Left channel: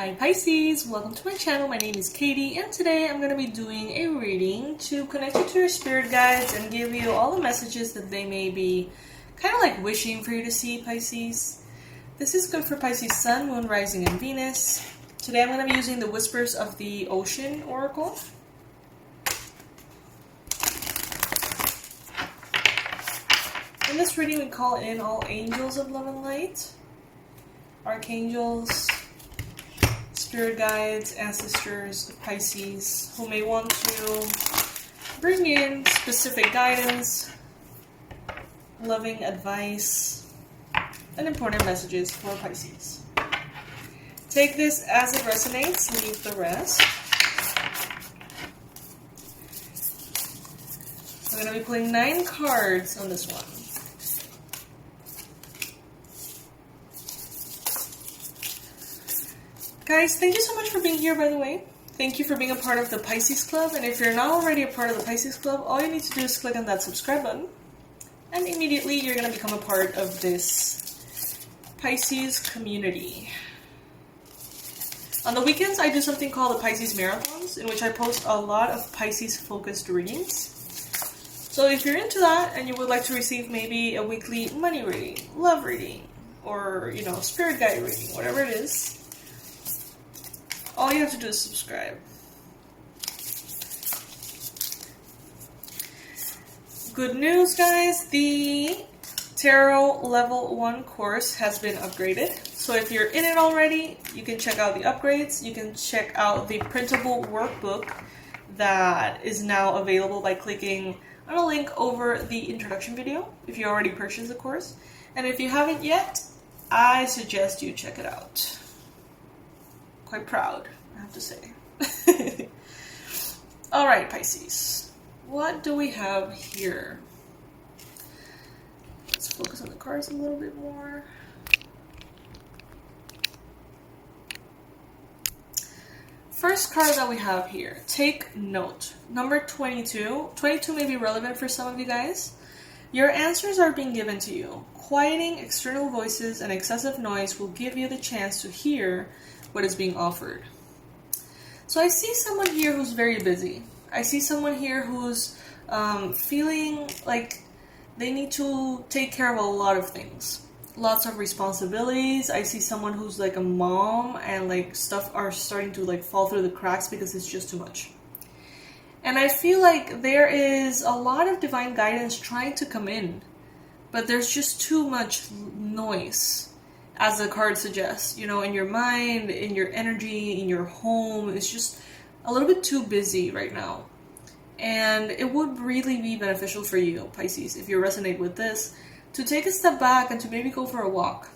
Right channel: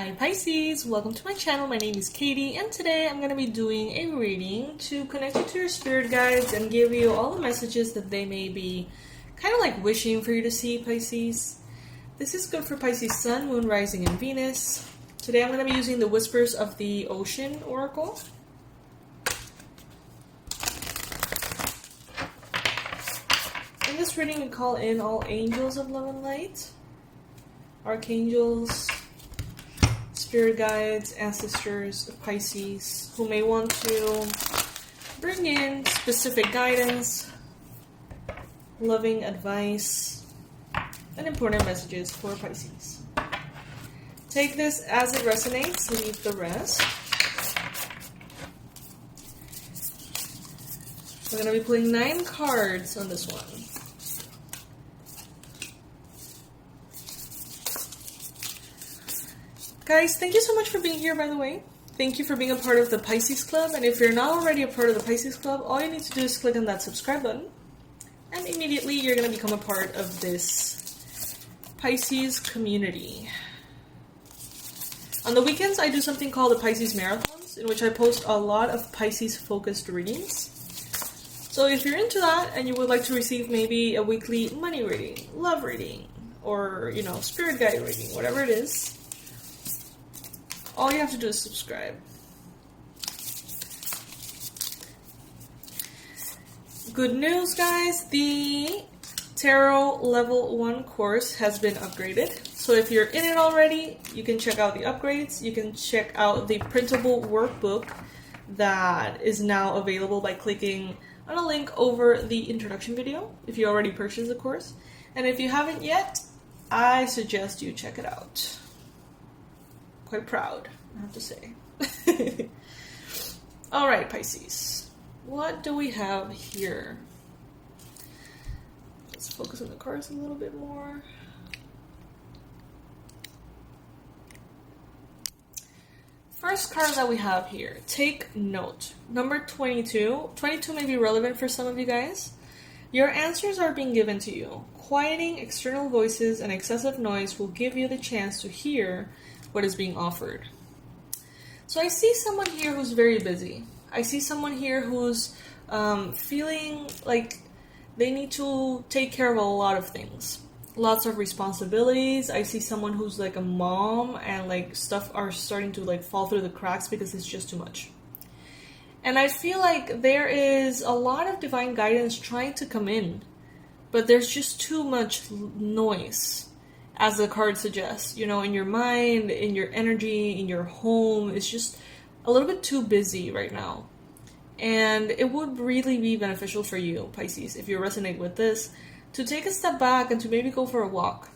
Hi Pisces, welcome to my channel. My name is Katie and today I'm going to be doing a reading to connect you to your spirit guides and give you all the messages that they may be kind of like wishing for you to see, Pisces. This is good for Pisces Sun, Moon, Rising, and Venus. Today I'm going to be using the Whispers of the Ocean Oracle. In this reading we call in all angels of love and light, archangels, spirit guides, ancestors of Pisces who may want to bring in specific guidance, loving advice, and important messages for Pisces. Take this as it resonates, leave the rest. We're going to be pulling 9 cards on this one. Guys, thank you so much for being here, by the way. Thank you for being a part of the Pisces Club. And if you're not already a part of the Pisces Club, all you need to do is click on that subscribe button. And immediately you're going to become a part of this Pisces community. On the weekends, I do something called the Pisces Marathons, in which I post a lot of Pisces-focused readings. So if you're into that and you would like to receive maybe a weekly money reading, love reading, or, spirit guide reading, whatever it is, all you have to do is subscribe. Good news, guys. The Tarot Level 1 course has been upgraded. So if you're in it already, you can check out the upgrades. You can check out the printable workbook that is now available by clicking on a link over the introduction video if you already purchased the course. And if you haven't yet, I suggest you check it out. Quite proud, I have to say. Alright, Pisces. What do we have here? Let's focus on the cards a little bit more. First card that we have here, take note. Number 22. 22 may be relevant for some of you guys. Your answers are being given to you. Quieting external voices and excessive noise will give you the chance to hear what is being offered. So I see someone here who's very busy. I see someone here who's feeling like they need to take care of a lot of things. Lots of responsibilities. I see someone who's like a mom and like stuff are starting to like fall through the cracks because it's just too much. And I feel like there is a lot of divine guidance trying to come in, but there's just too much noise. As the card suggests, in your mind, in your energy, in your home, it's just a little bit too busy right now. And it would really be beneficial for you, Pisces, if you resonate with this, to take a step back and to maybe go for a walk.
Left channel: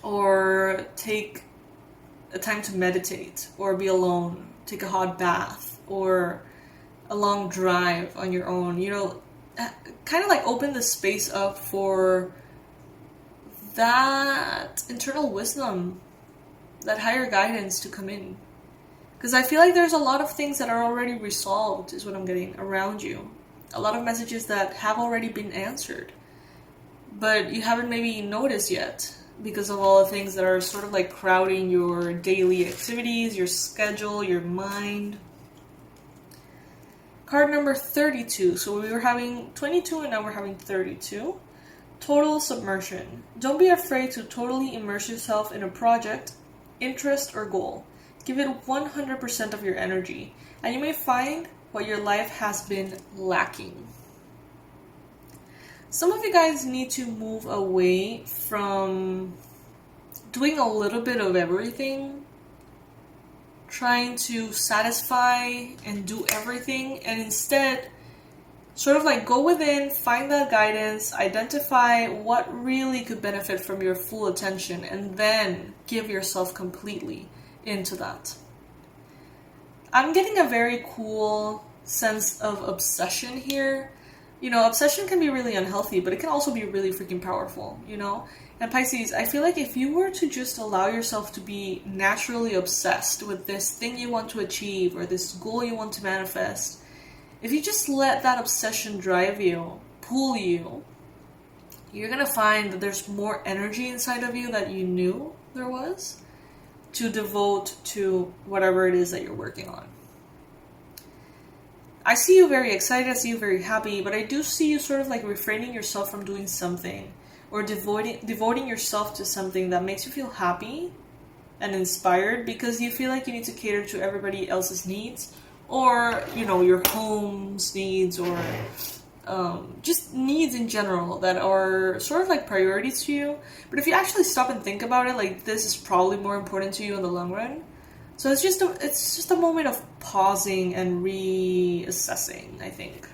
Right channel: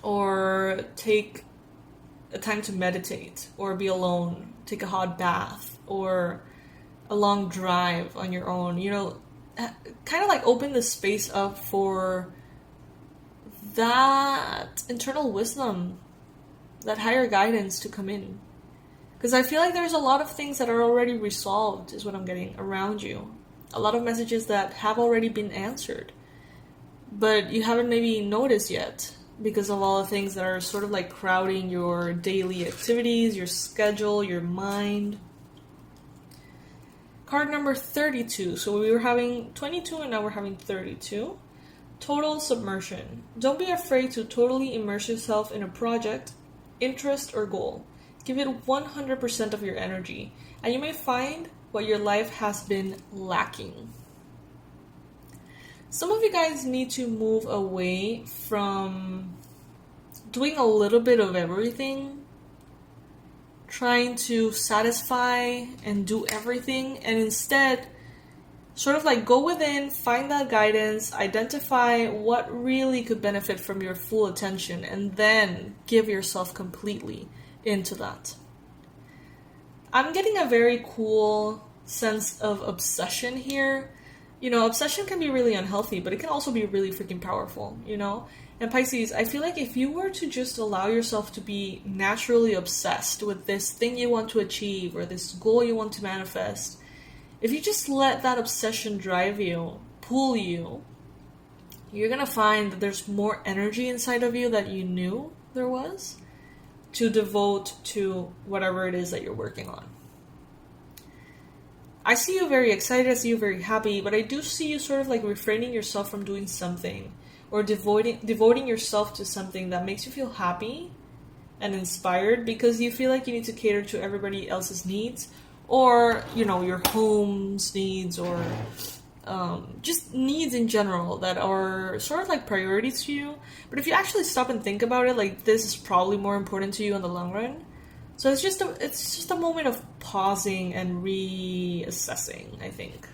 Or take a time to meditate, or be alone, take a hot bath, or a long drive on your own. Kind of like open the space up for that internal wisdom, that higher guidance to come in. Because I feel like there's a lot of things that are already resolved, is what I'm getting around you. A lot of messages that have already been answered, but you haven't maybe noticed yet because of all the things that are sort of like crowding your daily activities, your schedule, your mind. Card number 32. So we were having 22 and now we're having 32. Total submersion. Don't be afraid to totally immerse yourself in a project, interest, or goal. Give it 100% of your energy, and you may find what your life has been lacking. Some of you guys need to move away from doing a little bit of everything, trying to satisfy and do everything, and instead sort of like go within, find that guidance, identify what really could benefit from your full attention, and then give yourself completely into that. I'm getting a very cool sense of obsession here. Obsession can be really unhealthy, but it can also be really freaking powerful, And Pisces, I feel like if you were to just allow yourself to be naturally obsessed with this thing you want to achieve or this goal you want to manifest, if you just let that obsession drive you, pull you, you're going to find that there's more energy inside of you that you knew there was. to devote to whatever it is that you're working on. I see you very excited, I see you very happy, but I do see you sort of like refraining yourself from doing something or devoting yourself to something that makes you feel happy and inspired because you feel like you need to cater to everybody else's needs, or, you know, your home's needs, or just needs in general that are sort of like priorities to you. But if you actually stop and think about it, like, this is probably more important to you in the long run. So it's just a moment of pausing and reassessing, I think.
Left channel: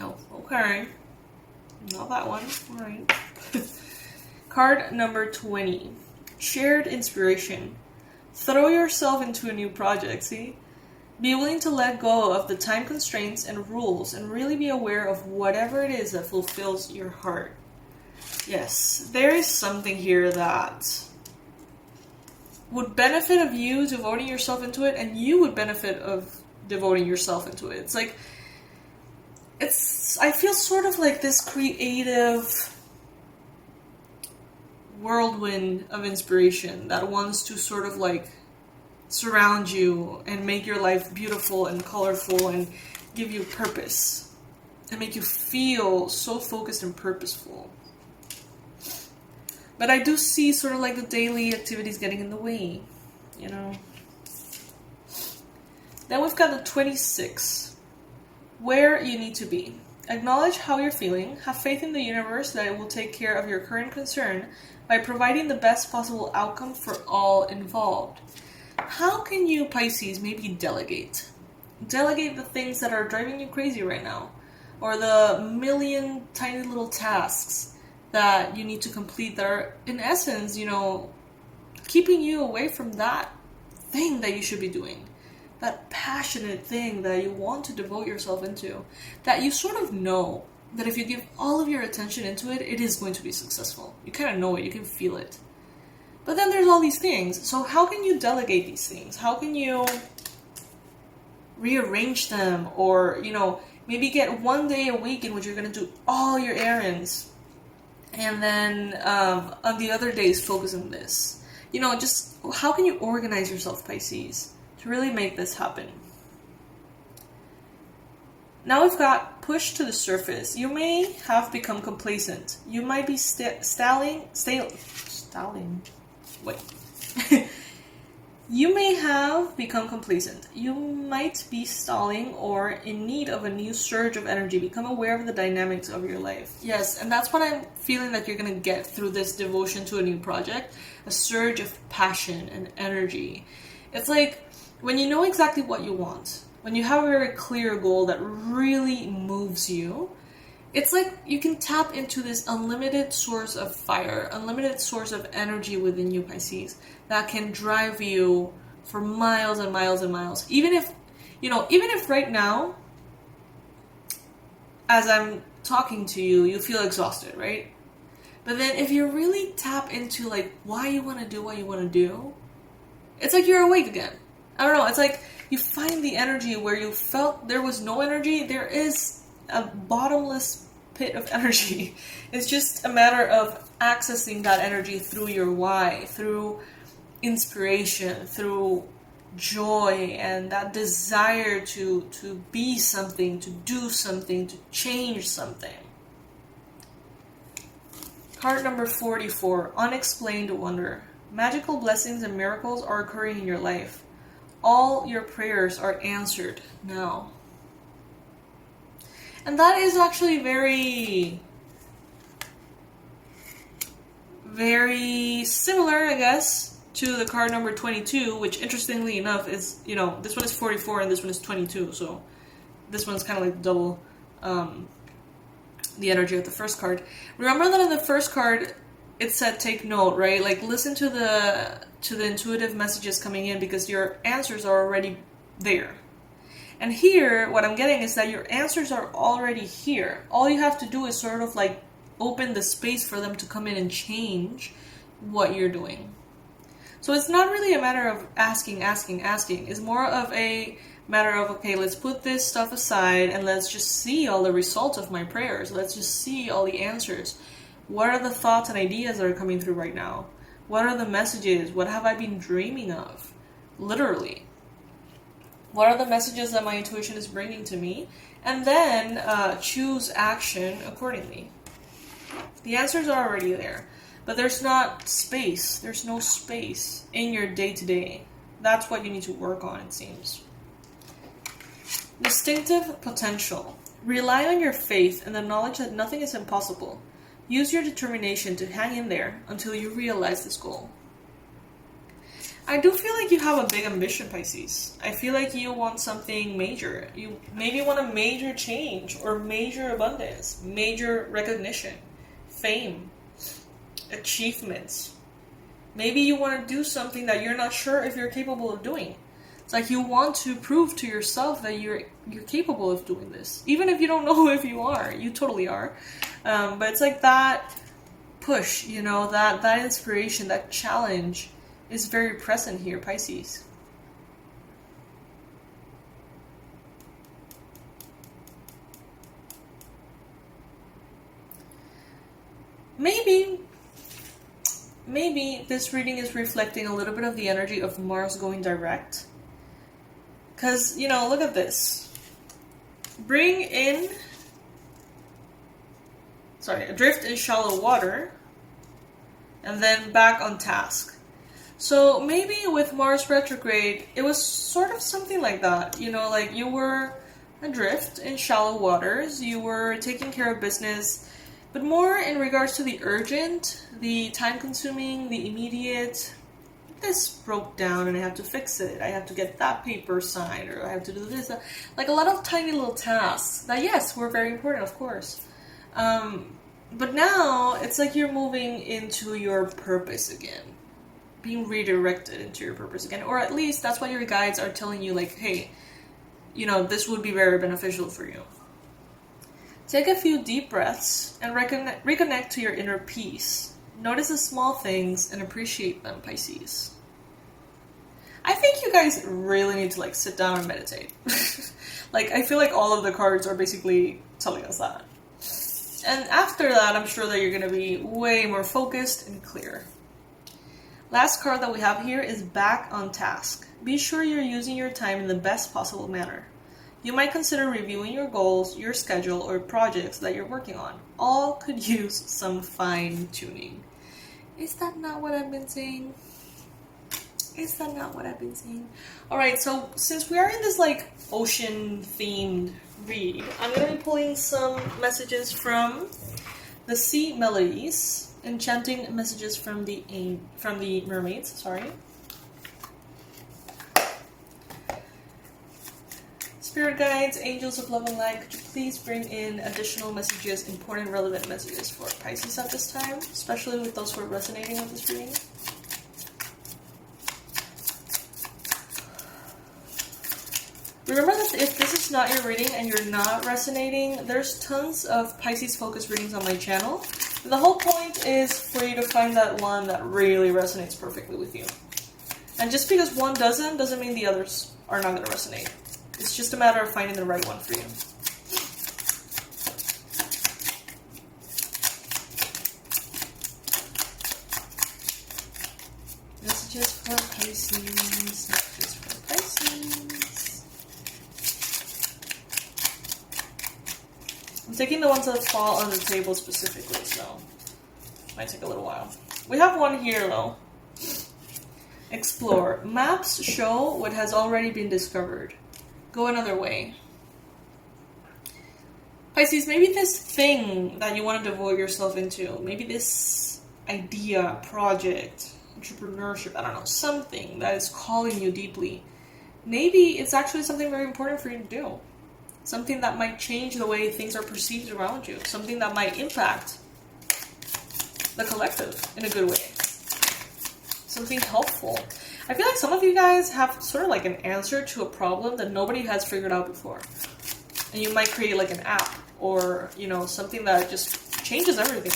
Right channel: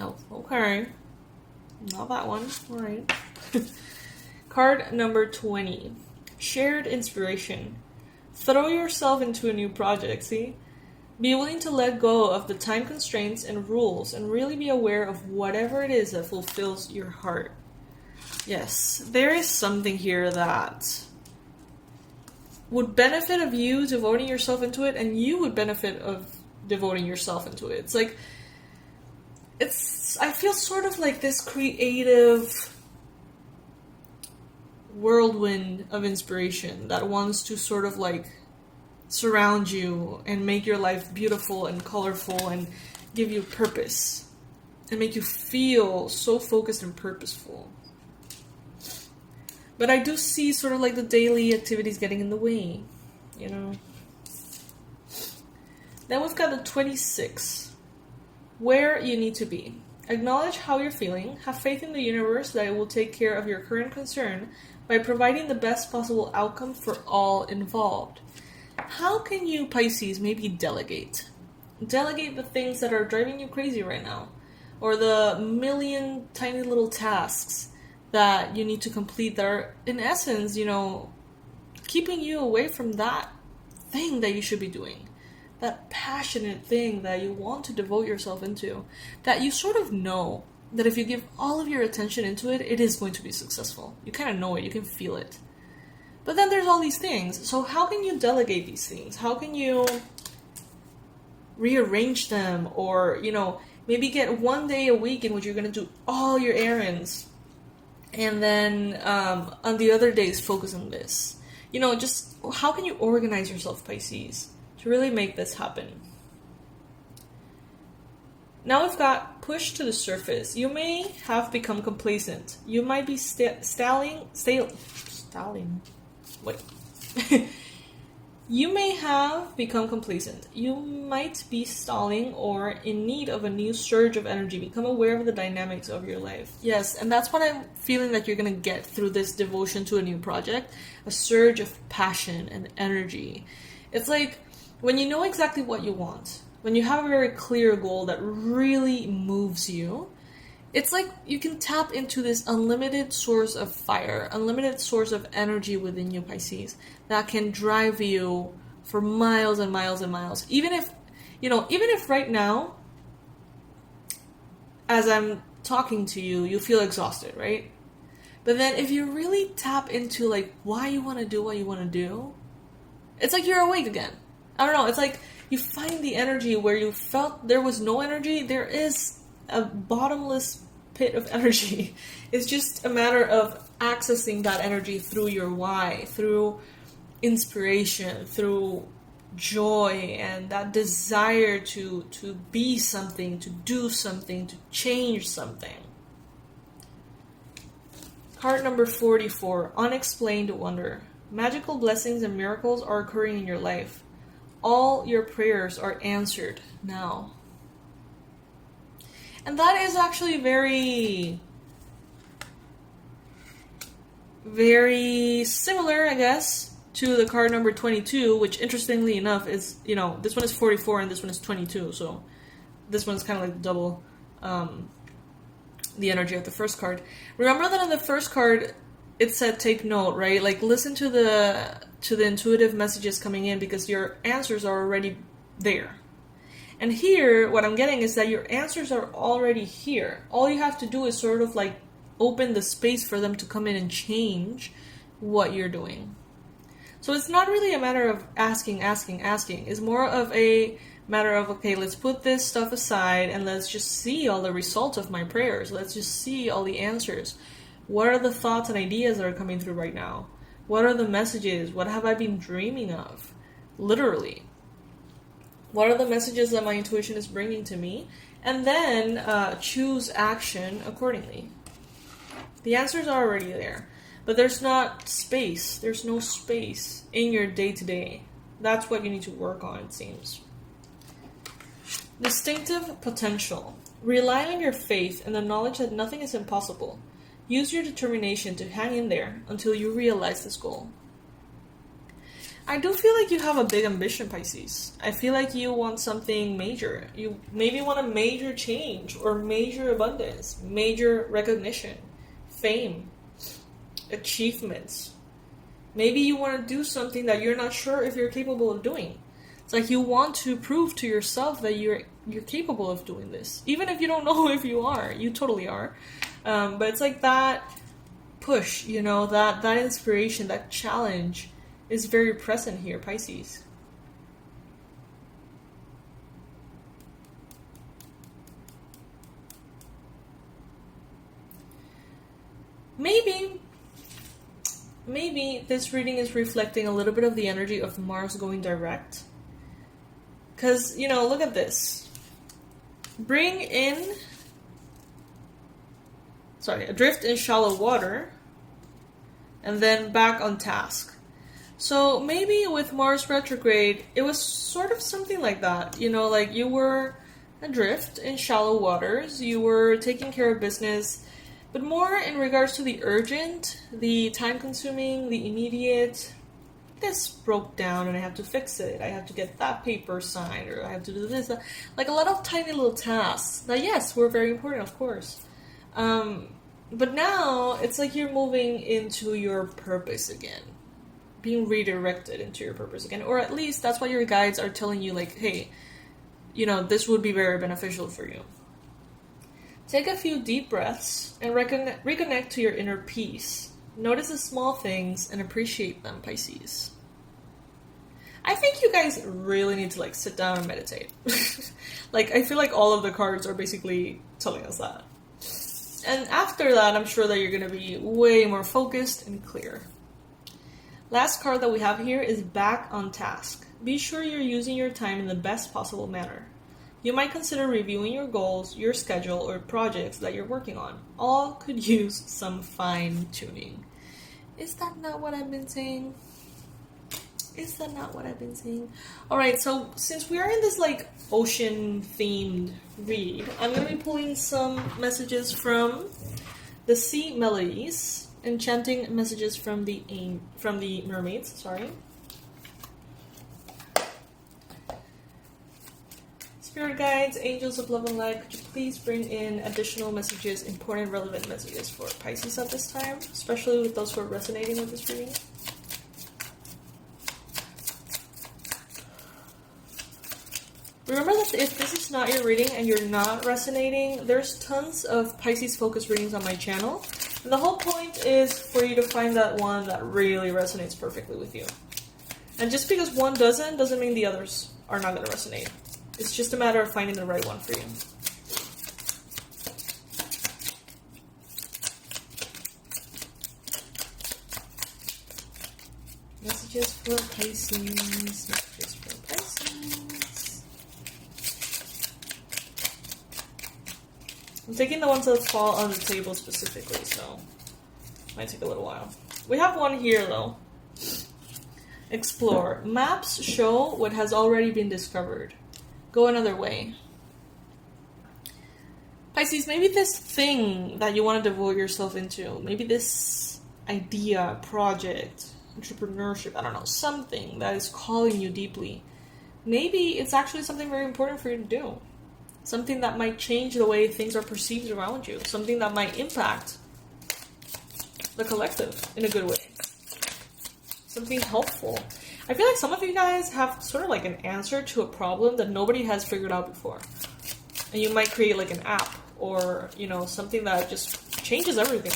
Oh, okay. Not that one. All right. Card number 20. Shared inspiration. Throw yourself into a new project, see? Be willing to let go of the time constraints and rules and really be aware of whatever it is that fulfills your heart. Yes, there is something here that would benefit of you devoting yourself into it, and you would benefit of devoting yourself into it. It's like, I feel sort of like this creative whirlwind of inspiration that wants to sort of like surround you and make your life beautiful and colorful and give you purpose and make you feel so focused and purposeful. But I do see sort of like the daily activities getting in the way, you know. Then we've got the 26. Where you need to be. Acknowledge how you're feeling. Have faith in the universe that it will take care of your current concern by providing the best possible outcome for all involved. How can you, Pisces, maybe delegate? Delegate the things that are driving you crazy right now. Or the million tiny little tasks that you need to complete that are, in essence, you know, keeping you away from that thing that you should be doing. That passionate thing that you want to devote yourself into. That you sort of know that if you give all of your attention into it, it is going to be successful. You kind of know it, you can feel it. But then there's all these things. So how can you delegate these things? How can you rearrange them? Or, you know, maybe get one day a week in which you're going to do all your errands. And then on the other days, focus on this. You know, just how can you organize yourself, Pisces, to really make this happen? Now we've got push to the surface. You may have become complacent. You might be stalling. Wait. You may have become complacent. You might be stalling or in need of a new surge of energy. Become aware of the dynamics of your life. Yes, and that's what I'm feeling that you're going to get through this devotion to a new project. A surge of passion and energy. It's like when you know exactly what you want, when you have a very clear goal that really moves you, it's like you can tap into this unlimited source of fire, unlimited source of energy within you, Pisces, that can drive you for miles and miles and miles. Even if right now, as I'm talking to you, you feel exhausted, right? But then if you really tap into like why you want to do what you want to do, it's like you're awake again. I don't know, it's like you find the energy where you felt there was no energy. There is a bottomless pit of energy. It's just a matter of accessing that energy through your why, through inspiration, through joy, and that desire to be something, to do something, to change something. Part number 44, unexplained wonder. Magical blessings and miracles are occurring in your life. All your prayers are answered now. And that is actually very, very similar, I guess, to the card number 22, which interestingly enough is, you know, this one is 44 and this one is 22, so this one's kind of like double the energy of the first card. Remember that in the first card, it said take note, right? Like listen to the intuitive messages coming in because your answers are already there. And here, what I'm getting is that your answers are already here. All you have to do is sort of like open the space for them to come in and change what you're doing. So it's not really a matter of asking. It's more of a matter of, okay, let's put this stuff aside and let's just see all the results of my prayers. Let's just see all the answers. What are the thoughts and ideas that are coming through right now? What are the messages? What have I been dreaming of? Literally. What are the messages that my intuition is bringing to me? And then choose action accordingly. The answers are already there. But there's not space. There's no space in your day-to-day. That's what you need to work on, it seems. Distinctive potential. Rely on your faith and the knowledge that nothing is impossible. Use your determination to hang in there until you realize this goal. I do feel like you have a big ambition, Pisces. I feel like you want something major. You maybe want a major change or major abundance, major recognition, fame, achievements. Maybe you want to do something that you're not sure if you're capable of doing. It's like you want to prove to yourself that you're capable of doing this. Even if you don't know if you are. You totally are. But it's like that push, you know, that inspiration, that challenge is very present here, Pisces. Maybe this reading is reflecting a little bit of the energy of Mars going direct. Because, you know, look at this. Adrift in shallow water, and then back on task. So maybe with Mars retrograde, it was sort of something like that. You know, like you were adrift in shallow waters, you were taking care of business, but more in regards to the urgent, the time-consuming, the immediate. This broke down and I have to fix it. I have to get that paper signed, or I have to do this. Like a lot of tiny little tasks that, yes, were very important, of course. But now it's like you're moving into your purpose again. Being redirected into your purpose again. Or at least that's what your guides are telling you, like, hey, you know, this would be very beneficial for you. Take a few deep breaths and reconnect to your inner peace. Notice the small things and appreciate them, Pisces. I think you guys really need to, like, sit down and meditate. Like, I feel like all of the cards are basically telling us that. And after that, I'm sure that you're going to be way more focused and clear. Last card that we have here is back on task. Be sure you're using your time in the best possible manner. You might consider reviewing your goals, your schedule, or projects that you're working on. All could use some fine-tuning. Is that not what I've been saying? Alright, so since we are in this, like, ocean-themed read, I'm going to be pulling some messages from the sea melodies, enchanting messages from the mermaids, sorry. Spirit guides, angels of love and light, could you please bring in additional messages, important, relevant messages for Pisces at this time, especially with those who are resonating with this reading? Remember that if this is not your reading and you're not resonating, there's tons of Pisces focused readings on my channel. And the whole point is for you to find that one that really resonates perfectly with you. And just because one doesn't mean the others are not going to resonate. It's just a matter of finding the right one for you. Messages for Pisces. Messages for Pisces. I'm taking the ones that fall on the table specifically, so it might take a little while. We have one here, though. Explore. Maps show what has already been discovered. Go another way. Pisces, maybe this thing that you want to devote yourself into, maybe this idea, project, entrepreneurship, I don't know, something that is calling you deeply. Maybe it's actually something very important for you to do. Something that might change the way things are perceived around you. Something that might impact the collective in a good way. Something helpful. I feel like some of you guys have sort of like an answer to a problem that nobody has figured out before. And you might create like an app or, you know, something that just changes everything.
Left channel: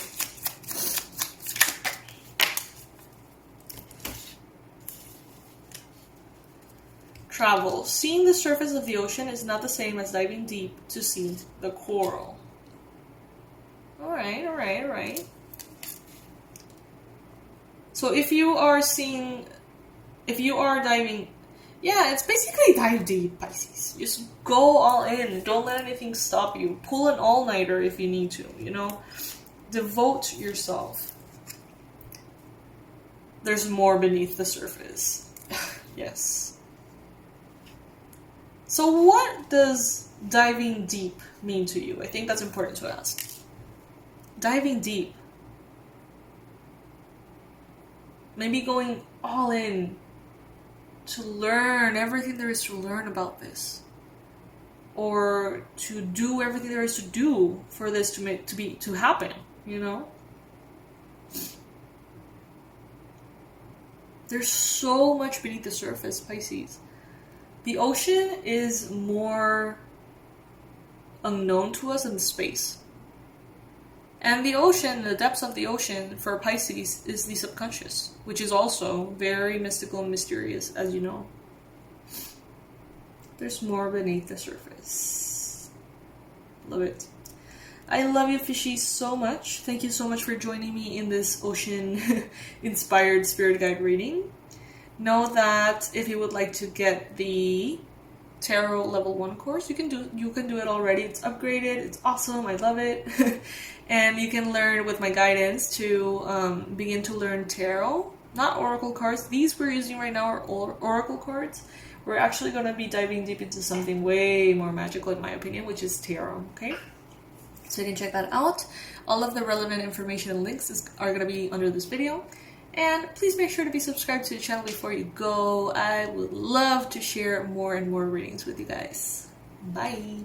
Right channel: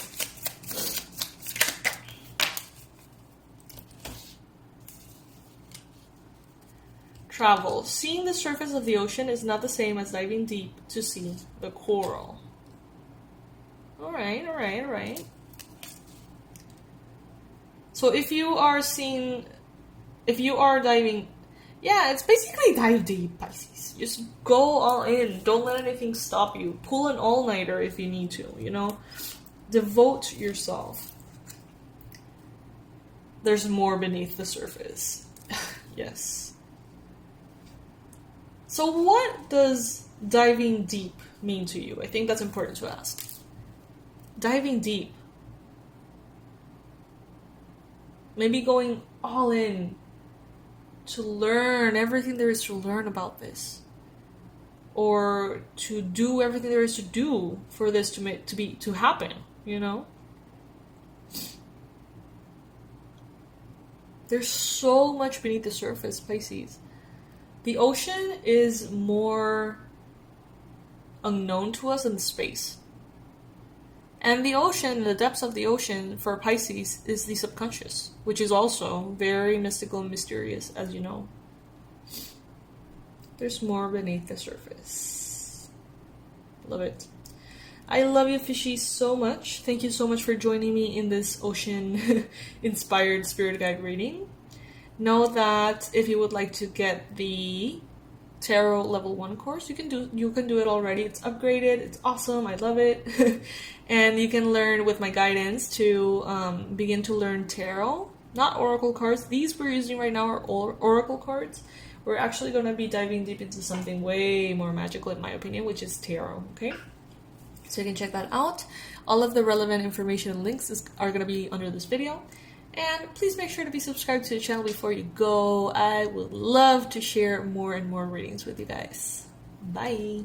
Travel. Seeing the surface of the ocean is not the same as diving deep to see the coral. Alright. So if you are diving, yeah, it's basically dive deep, Pisces. Just go all in. Don't let anything stop you. Pull an all-nighter if you need to, you know? Devote yourself. There's more beneath the surface. Yes. So what does diving deep mean to you? I think that's important to ask. Diving deep. Maybe going all in to learn everything there is to learn about this. Or to do everything there is to do for this to happen, you know? There's so much beneath the surface, Pisces. The ocean is more unknown to us than space. And the ocean, the depths of the ocean for Pisces is the subconscious, which is also very mystical and mysterious, as you know. There's more beneath the surface. Love it. I love you, fishies, so much. Thank you so much for joining me in this ocean-inspired spirit guide reading. Know that if you would like to get the Tarot Level 1 course, you can do it already. It's upgraded. It's awesome. I love it. And you can learn with my guidance to begin to learn tarot, not oracle cards. These we're using right now are oracle cards. We're actually going to be diving deep into something way more magical, in my opinion, which is tarot. Okay. So you can check that out. All of the relevant information and links are going to be under this video. And please make sure to be subscribed to the channel before you go. I would love to share more and more readings with you guys. Bye.